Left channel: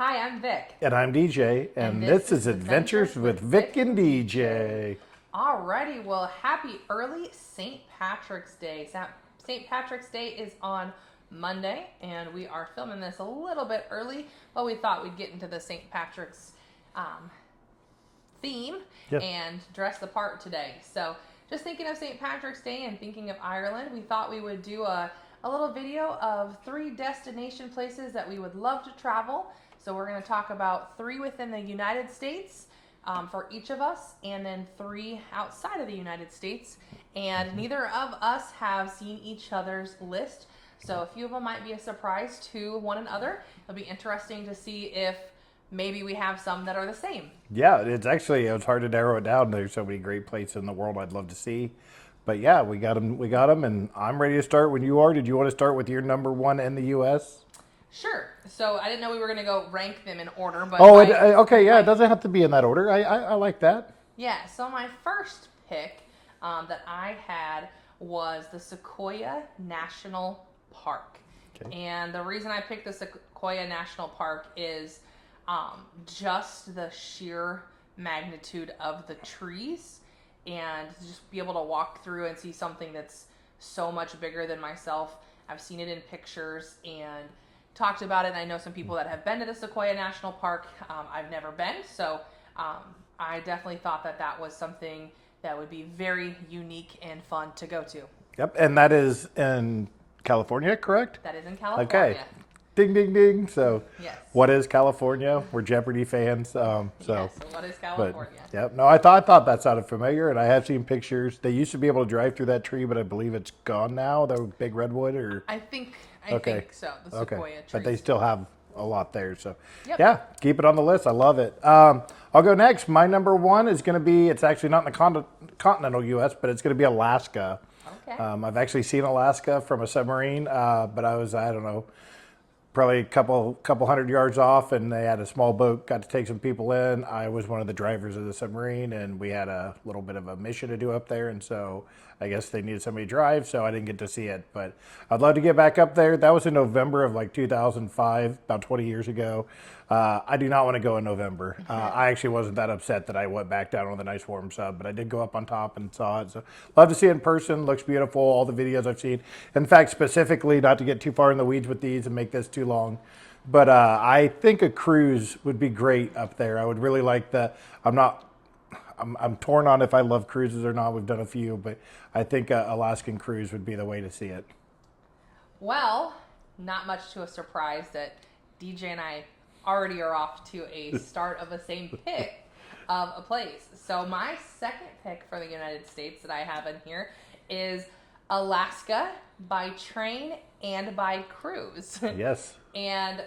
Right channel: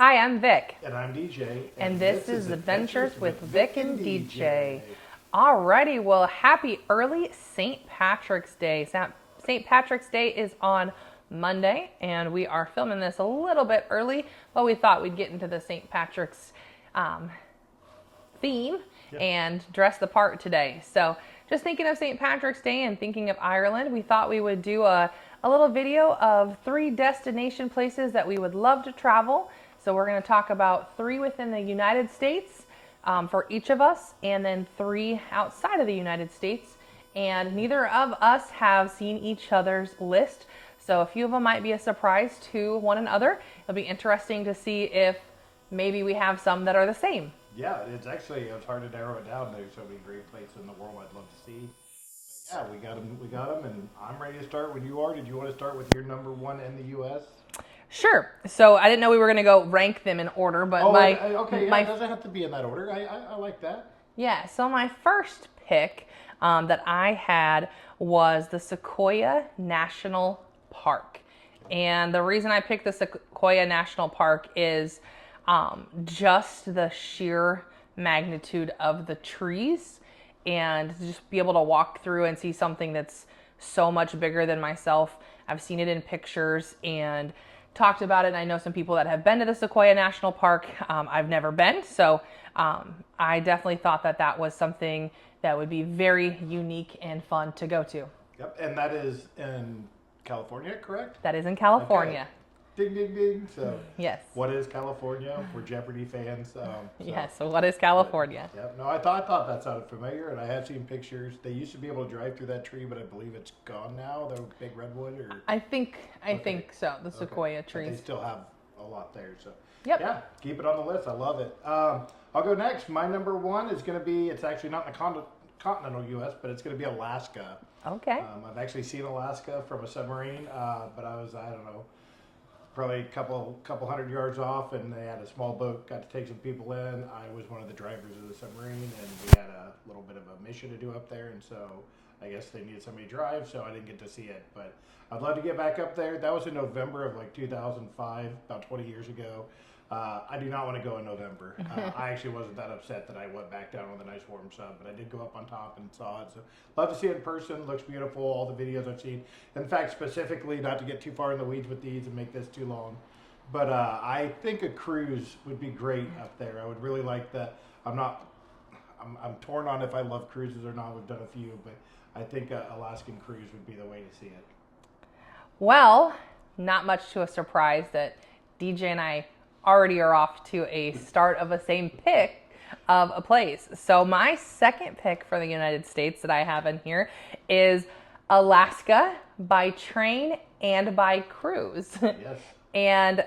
Hi, I'm Vic. And I'm DJ, and this is Adventures with Vic and DJ. Alrighty, well, happy early St. Patrick's Day. St. Patrick's Day is on Monday, and we are filming this a little bit early, but we thought we'd get into the St. Patrick's theme and dress the part today. So just thinking of St. Patrick's Day and thinking of Ireland, we thought we would do a little video of 3 destination places that we would love to travel. So we're going to talk about 3 within the United States for each of us, and then 3 outside of the United States. And neither of us have seen each other's list, so a few of them might be a surprise to one another. It'll be interesting to see if maybe we have some that are the same. Yeah, it's hard to narrow it down. There's so many great places in the world I'd love to see. But yeah, we got them, and I'm ready to start when you are. Did you want to start with your number 1 in the U.S.? Sure. So I didn't know we were going to go rank them in order, but it doesn't have to be in that order. I like that. Yeah. So my first pick that I had was the Sequoia National Park, and the reason I picked the Sequoia National Park is just the sheer magnitude of the trees, and to just be able to walk through and see something that's so much bigger than myself. I've seen it in pictures and talked about it, and I know some people that have been to the Sequoia National Park. I've never been, so I definitely thought that was something that would be very unique and fun to go to. Yep, and that is in California, correct? That is in California. Okay. Ding, ding, ding. So, yes. What is California? We're Jeopardy fans. So what is California? Yep. No, I thought that sounded familiar, and I have seen pictures. They used to be able to drive through that tree, but I believe it's gone now. The big redwood, or I think so. The Sequoia trees. But they still have a lot there. So, yeah, keep it on the list. I love it. I'll go next. My number 1 is going to be. It's actually not in the continental U.S., but it's going to be Alaska. Okay. I've actually seen Alaska from a submarine, but I don't know, probably a couple hundred yards off, and they had a small boat, got to take some people in. I was one of the drivers of the submarine, and we had a little bit of a mission to do up there, and so I guess they needed somebody to drive, so I didn't get to see it. But I'd love to get back up there. That was in November of 2005, about 20 years ago. I do not want to go in November. I actually wasn't that upset that I went back down on the nice warm sub, but I did go up on top and saw it. So love to see it in person. Looks beautiful. All the videos I've seen. In fact, specifically, not to get too far in the weeds with these and make this too long, but I think a cruise would be great up there. I would really like that. I'm torn on if I love cruises or not. We've done a few, but I think Alaskan cruise would be the way to see it. Well, not much to a surprise that DJ and I already are off to a start of a same pick of a place. So my second pick for the United States that I have in here is Alaska by train and by cruise. Yes. And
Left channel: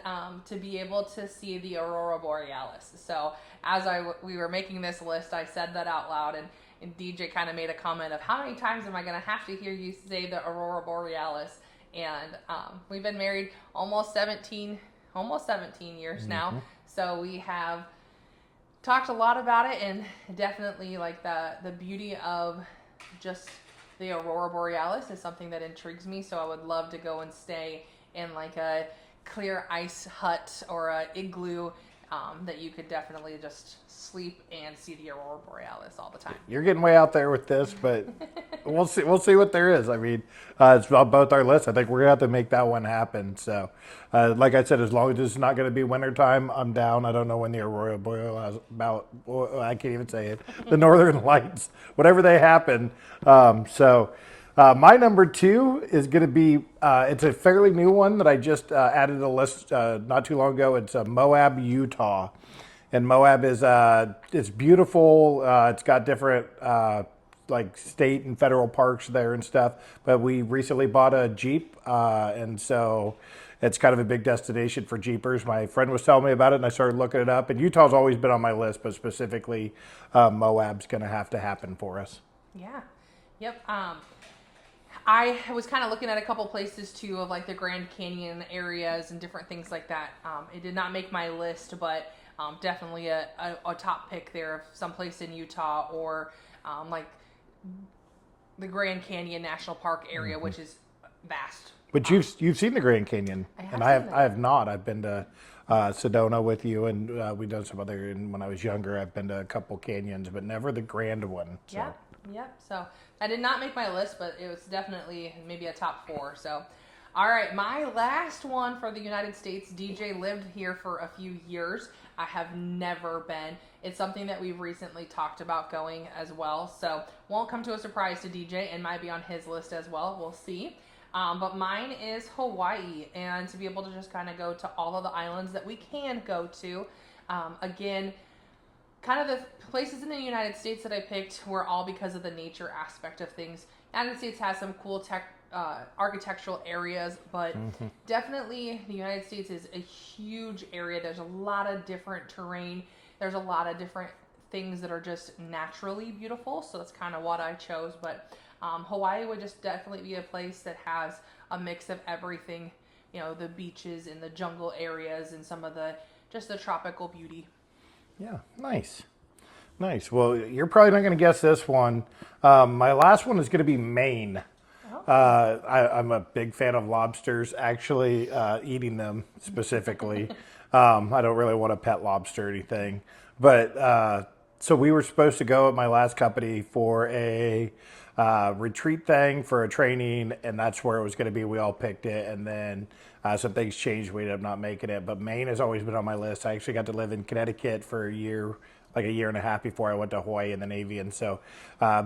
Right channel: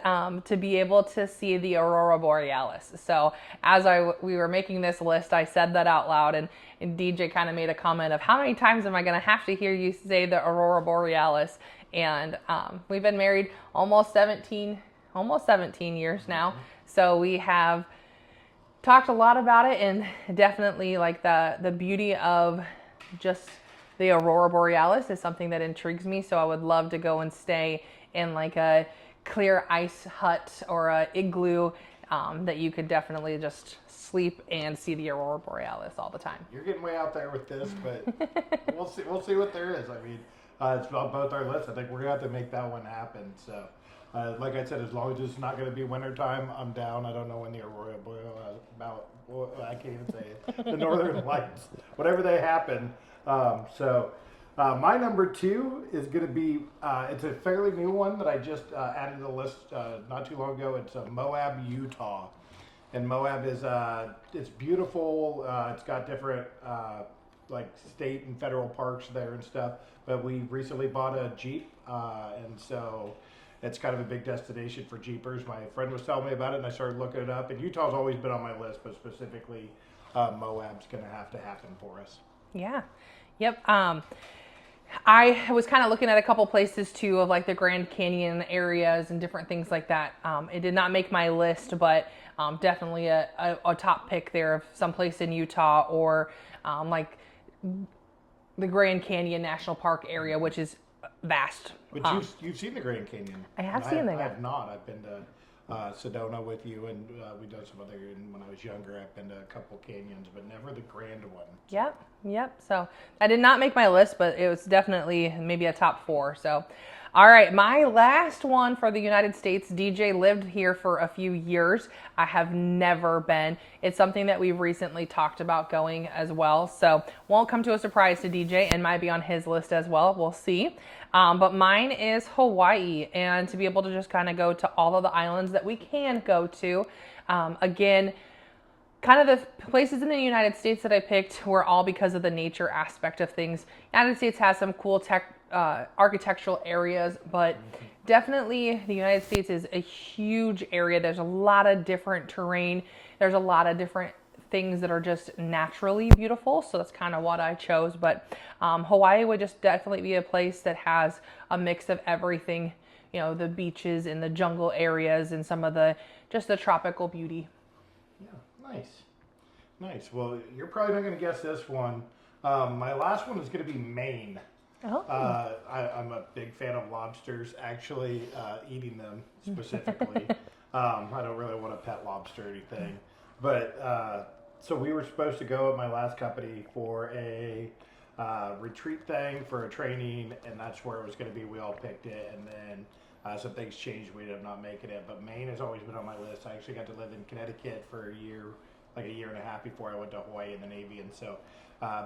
to be able to see the Aurora Borealis. So as we were making this list, I said that out loud, and DJ kind of made a comment of how many times am I going to have to hear you say the Aurora Borealis? And we've been married almost 17 years now. So we have talked a lot about it, and definitely like the beauty of just the Aurora Borealis is something that intrigues me. So I would love to go and stay in like a clear ice hut or a igloo that you could definitely just sleep and see the Aurora Borealis all the time. You're getting way out there with this, but we'll see what there is. I mean, it's about both our lists. I think we're gonna have to make that one happen. So, like I said, as long as it's not gonna be wintertime, I'm down. I don't know when the Aurora Borealis I can't even say it. The Northern Lights, whatever they happen. My number 2 is going to be, it's a fairly new one that I just added to the list not too long ago. It's Moab, Utah. And Moab is, it's beautiful. It's got different like state and federal parks there and stuff. But we recently bought a Jeep, and so it's kind of a big destination for Jeepers. My friend was telling me about it, and I started looking it up. And Utah's always been on my list, but specifically Moab's going to have to happen for us. Yeah. Yep. I was kind of looking at a couple places too of like the Grand Canyon areas and different things like that. It did not make my list, but definitely a top pick there of someplace in Utah or like the Grand Canyon National Park area, which is vast. But you've seen the Grand Canyon. I have and seen it. I have not. I've been to Sedona with you, and we've done some other. And when I was younger, I've been to a couple canyons, but never the grand one. So. Yep. So I did not make my list, but it was definitely maybe a top 4. So, all right, my last one for the United States. DJ lived here for a few years. I have never been. It's something that we've recently talked about going as well. So won't come to a surprise to DJ and might be on his list as well. We'll see. But mine is Hawaii, and to be able to just kind of go to all of the islands that we can go to. Again, kind of the places in the United States that I picked were all because of the nature aspect of things. United States has some cool architectural areas, but definitely the United States is a huge area. There's a lot of different terrain. There's a lot of different things that are just naturally beautiful. So that's kind of what I chose. But Hawaii would just definitely be a place that has a mix of everything, you know, the beaches and the jungle areas and some of the tropical beauty. Yeah, nice. Well, you're probably not going to guess this one. My last one is going to be Maine. Oh. I'm a big fan of lobsters, actually eating them specifically. I don't really want to pet lobster or anything. But so we were supposed to go at my last company for a retreat thing for a training, and that's where it was going to be. We all picked it, and then some things changed. We ended up not making it. But Maine has always been on my list. I actually got to live in Connecticut for a year, like a year and a half before I went to Hawaii in the Navy. And so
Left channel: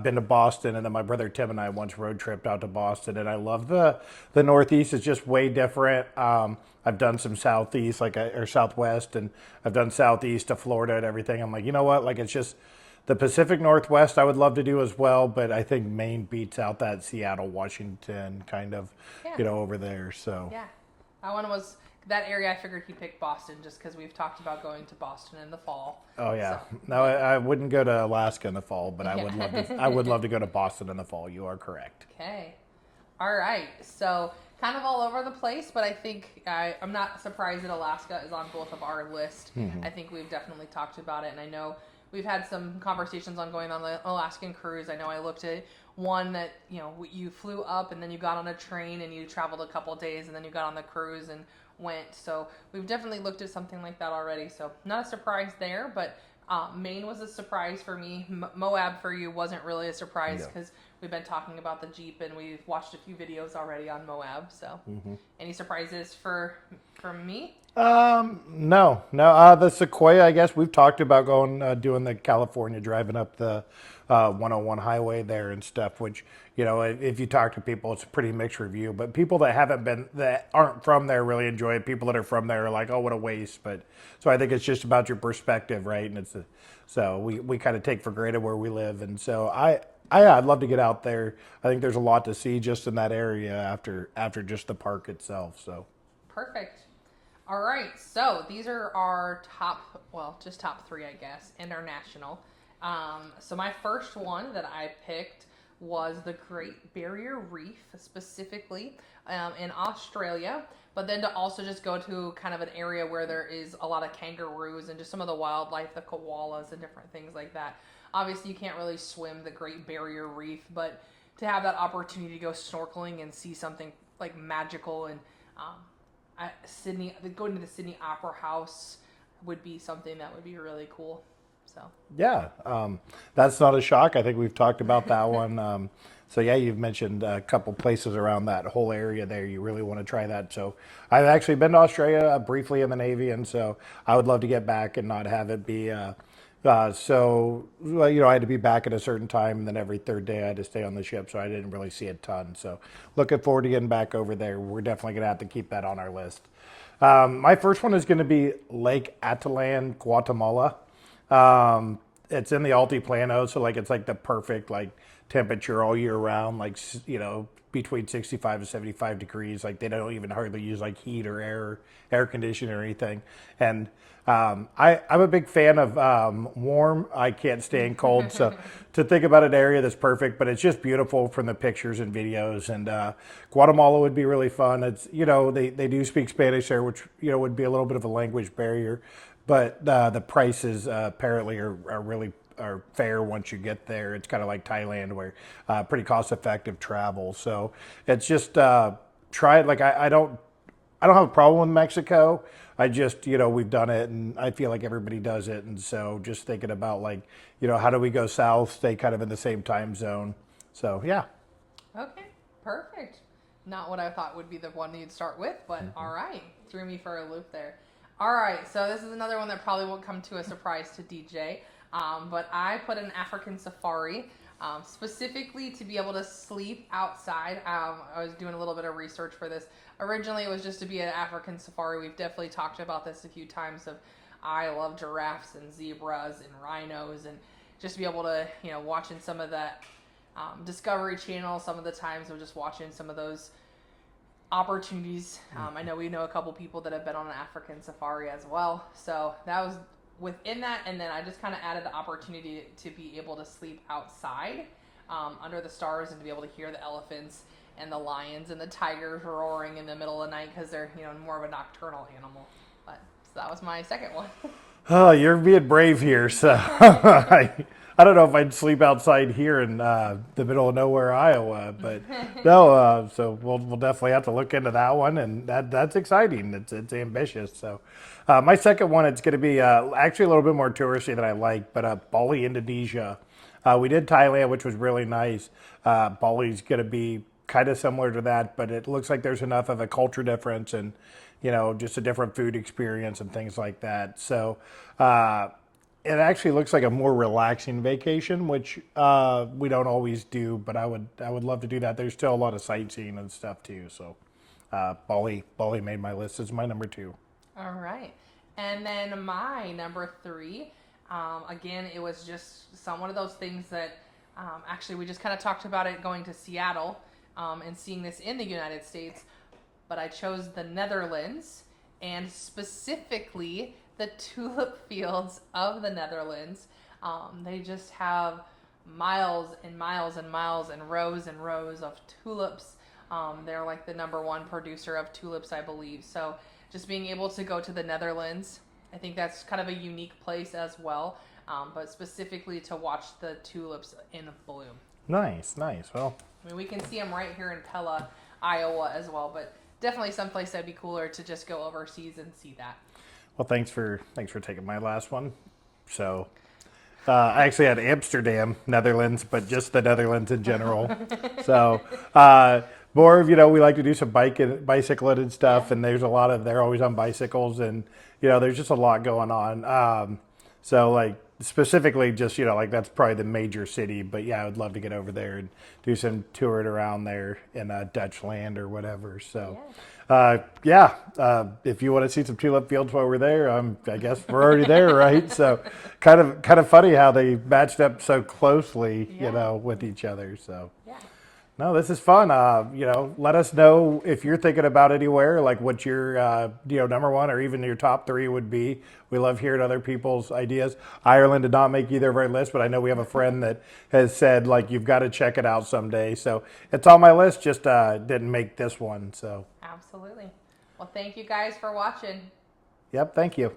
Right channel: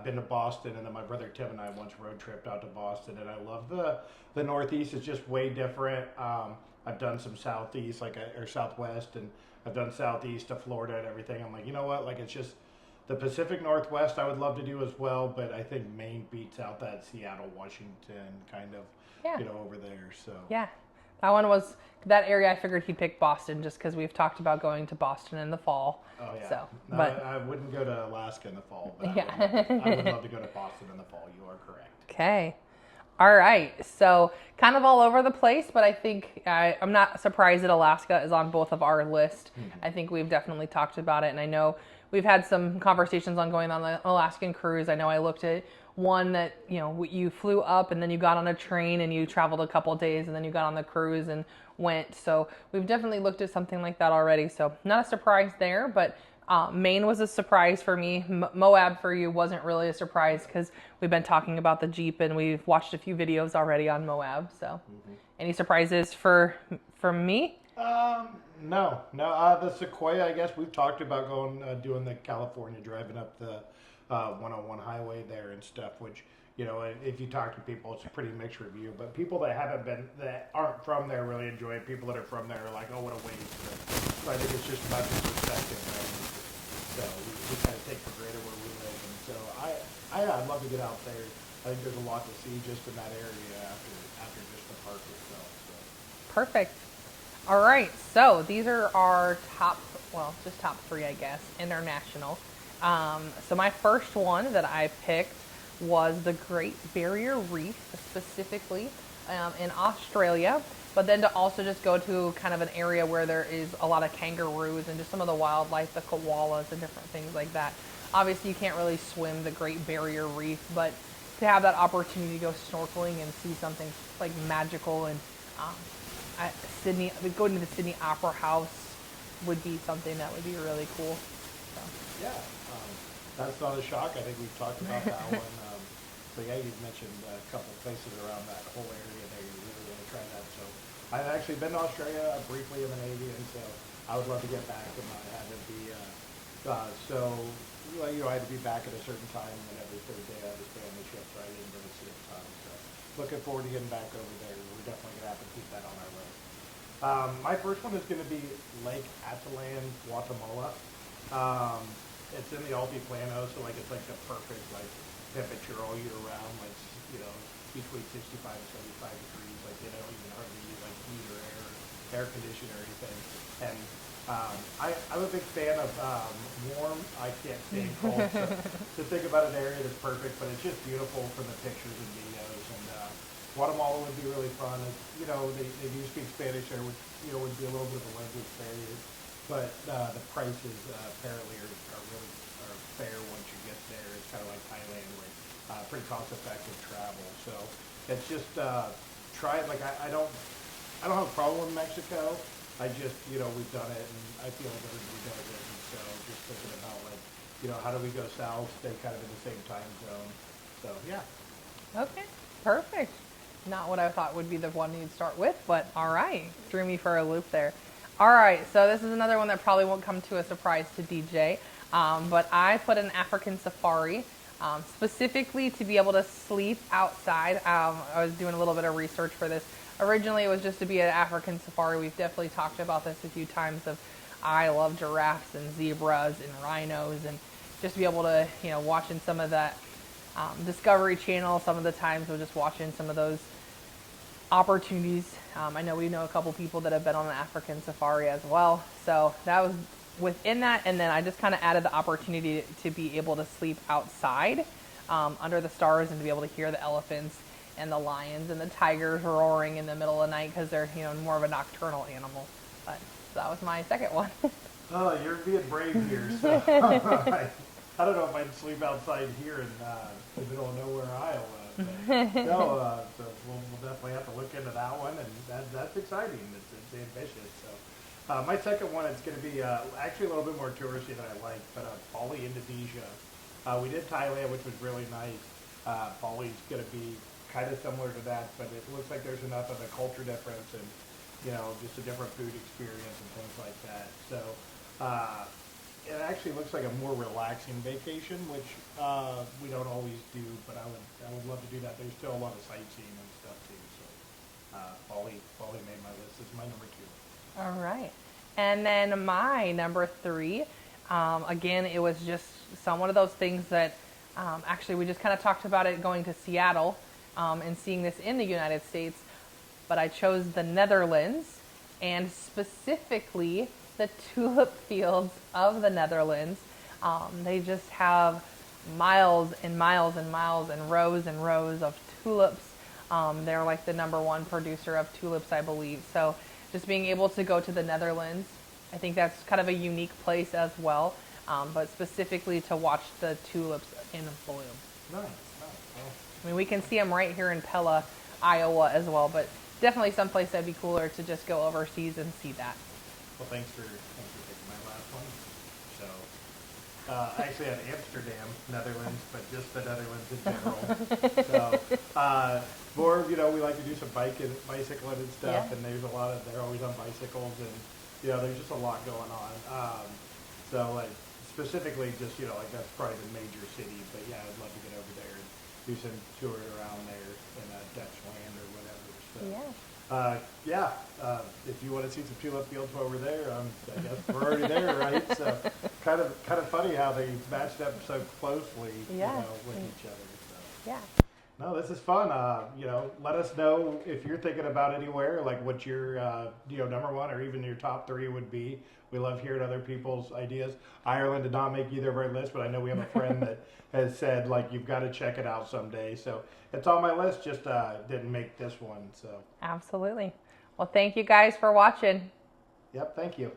been to Boston, and then my brother Tim and I once road tripped out to Boston, and I love the Northeast. It's just way different. I've done some Southeast, or Southwest, and I've done Southeast to Florida and everything. I'm like, you know what? Like, it's just the Pacific Northwest I would love to do as well, but I think Maine beats out that Seattle, Washington kind of, over there. So Yeah, that one was that area. I figured he'd pick Boston just because we've talked about going to Boston in the fall. Oh yeah. So, No, but, I wouldn't go to Alaska in the fall, but I would love to go to Boston in the fall. You are correct. okay. All right. So kind of all over the place, but I think I'm not surprised that Alaska is on both of our list. I think we've definitely talked about it, and I know we've had some conversations on going on the Alaskan cruise. I know I looked at one that, you flew up and then you got on a train and you traveled a couple of days and then you got on the cruise and went. So we've definitely looked at something like that already. So not a surprise there, but Maine was a surprise for me. Moab for you wasn't really a surprise because we've been talking about the Jeep and we've watched a few videos already on Moab. So any surprises from me? No. The Sequoia, I guess we've talked about going, doing the California, driving up the 101 highway there and stuff, which, if you talk to people, it's a pretty mixed review, but people that aren't from there really enjoy it. People that are from there are like, oh, what a waste. But so I think it's just about your perspective, right? And so we kind of take for granted where we live. And so I'd love to get out there. I think there's a lot to see just in that area after just the park itself. So Perfect. All right, so these are our top 3, I guess, international. So my first one that I picked was the Great Barrier Reef, specifically in Australia, but then to also just go to kind of an area where there is a lot of kangaroos and just some of the wildlife, the koalas and different things like that. Obviously, you can't really swim the Great Barrier Reef, but to have that opportunity to go snorkeling and see something like magical and Sydney, going to the Sydney Opera House would be something that would be really cool. So. Yeah, that's not a shock. I think we've talked about that one. So yeah, you've mentioned a couple places around that whole area there. You really want to try that. So I've actually been to Australia briefly in the Navy, and so I would love to get back and not have it be. I had to be back at a certain time, and then every third day I had to stay on the ship, so I didn't really see a ton. So looking forward to getting back over there. We're definitely going to have to keep that on our list. My first one is going to be Lake Atitlan, Guatemala. It's in the Altiplano, so it's the perfect temperature all year round, between 65 and 75 degrees. They don't even hardly use heat or air conditioning or anything. And I'm a big fan of warm. I can't stand cold. So to think about an area that's perfect, but it's just beautiful from the pictures and videos. And Guatemala would be really fun. It's they do speak Spanish there, which would be a little bit of a language barrier, but the prices apparently are fair once you get there. It's kind of like Thailand, where pretty cost effective travel. So it's just try it. I don't have a problem with Mexico. I just, we've done it, and I feel like everybody does it, and so just thinking about like, how do we go south, stay kind of in the same time zone. So yeah. Okay, perfect. Not what I thought would be the one you'd start with, but all right, threw me for a loop there. All right, so this is another one that probably won't come to a surprise to DJ, but I put an African safari, specifically to be able to sleep outside. I was doing a little bit of research for this. Originally, it was just to be an African safari. We've definitely talked about this a few times. I love giraffes and zebras and rhinos, and just to be able to, watching some of that Discovery Channel. Some of the times we're just watching some of those opportunities. I know we know a couple people that have been on an African safari as well. So that was within that, and then I just kind of added the opportunity to be able to sleep outside under the stars and to be able to hear the elephants and the lions and the tigers roaring in the middle of the night because they're more of a nocturnal animal. But so that was my second one. Oh, you're being brave here. So I don't know if I'd sleep outside here in the middle of nowhere, Iowa, but no. So we'll definitely have to look into that one, and that's exciting. It's ambitious. So my second one, it's going to be actually a little bit more touristy than I like, but Bali, Indonesia. We did Thailand, which was really nice. Bali's going to be kind of similar to that, but it looks like there's enough of a culture difference and just a different food experience and things like that. So. It actually looks like a more relaxing vacation, which we don't always do, but I would love to do that. There's still a lot of sightseeing and stuff too. So Bali made my list as my number 2. All right. And then my number 3, again, it was just one of those things that actually we just kind of talked about it going to Seattle and seeing this in the United States, but I chose the Netherlands, and specifically the tulip fields of the Netherlands. They just have miles and miles and miles and rows of tulips. They're like the number 1 producer of tulips, I believe. So just being able to go to the Netherlands, I think that's kind of a unique place as well, but specifically to watch the tulips in bloom. Nice. Well, I mean, we can see them right here in Pella, Iowa as well, but definitely someplace that'd be cooler to just go overseas and see that. well, thanks for taking my last one. So I actually had Amsterdam, Netherlands, but just the Netherlands in general. So more of, we like to do some bicycling and stuff, Yeah. and there's a lot of, they're always on bicycles, and, there's just a lot going on. So like specifically just, like that's probably the major city, but yeah, I would love to get over there and do some touring around there in Dutch land or whatever. So. If you want to see some tulip fields while we're there, I guess we're already there, right? So, kind of funny how they matched up so closely, with each other. So, Yeah. no, this is fun. Let us know if you're thinking about anywhere, like what your number 1 or even your top 3 would be. We love hearing other people's ideas. Ireland did not make either of our lists, but I know we have a friend that has said like you've got to check it out someday. So it's on my list, just didn't make this one. So Absolutely. Well, thank you guys for watching. yep, thank you.